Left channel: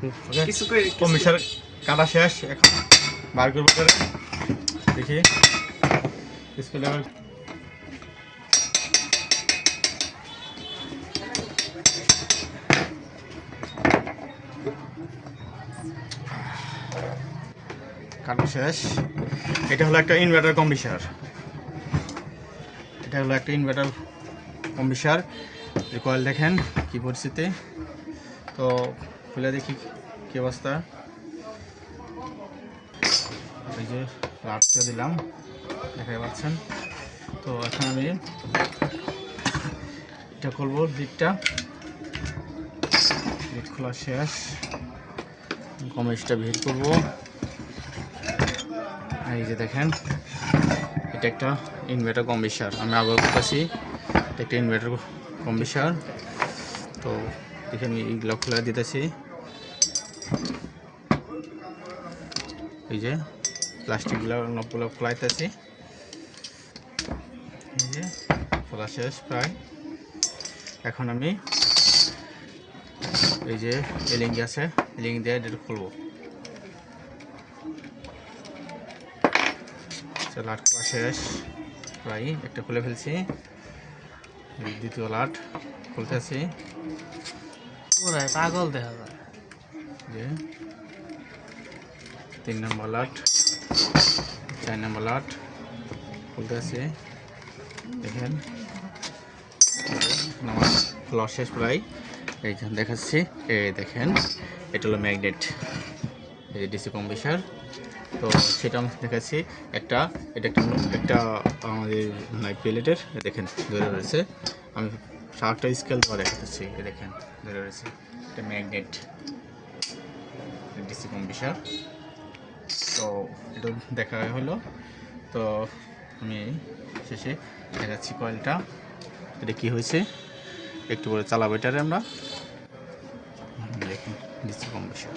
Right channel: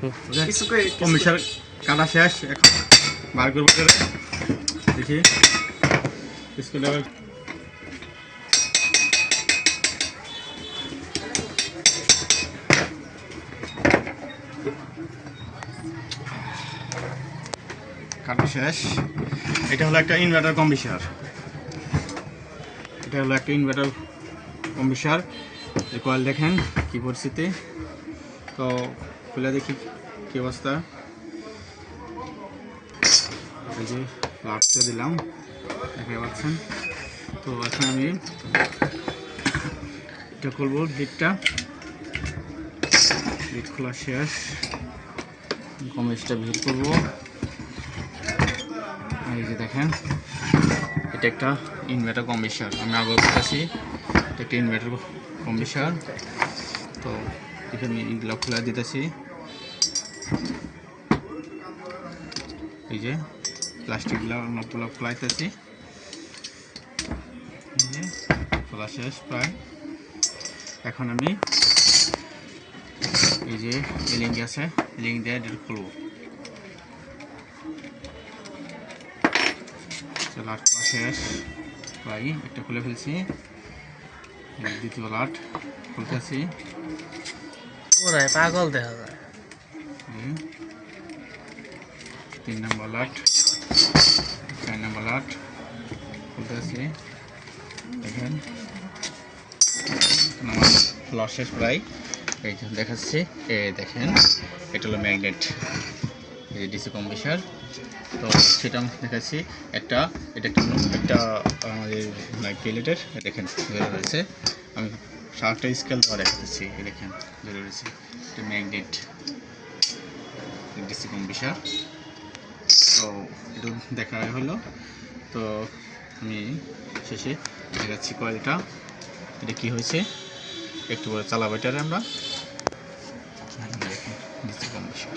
কম্বিশার কাটা শেষ, এখন বার করবো দেখি স্কুলে কাটা শেষ। এটা হলো একটা ইনভার্টার কম্বিশার, এটা হলো একটা ইনভার্টার কম্বিশার। যে কয়েল দেখেন কি পরিস্থিতি, তো খুলে দেখি কি অবস্থা। এই যে লাটতে দিলাম, দেখতে পাচ্ছেন। তো এখন আমি এটা করবো, লিড খোলা শেষ, কমিশটা ভিড় করবো। এই যে দেখেন, এটা একটা ইনভার্টার কম্বিশার, আমি আগে বলতেছি এটা একটা ইনভার্টার কম্বিশার। তো এখানে এইগুলো খোলা দিতেছি, এই যে প্লাস্টিকগুলো নবগুলো খোলাইতেছি, এই যে খোলা শেষ প্রায়। এখন আমি এই যে এলিং আছে, এলিং দিয়ে এটা খুলবো। লাট খোলা শেষ প্রায়, একটা খুলে ফেলছি, দ্বিতীয় লাট খুলতেছি। পাগল দেখা যায়। 3 নম্বর লাট, 4 নম্বর লাট খুলতেছি, দেখেন লস শেষ প্রায়। এই যে দেখাচ্ছি, দেখেন এটা হলো ম্যাগনেট, এই ডিসি কম্বিশার। তো সেটা আমি দেখাচ্ছি একটা, এটা একটা আমাদের প্লেটের দেখেন বের রয়েছে। আমি 7টা স্কেল ধরে দেখাচ্ছি, দেখেন বের রয়েছে, এটা ম্যাগনেট ডিসি কম্বিশার। তো এটা দেখা হলো। তো আমি শেষে দেখাচ্ছি কয়েলটা, এটা কি হয়েছে একটু করে চালাবো এটারে আমরা। দেখুন ডিসি কম্বিশার।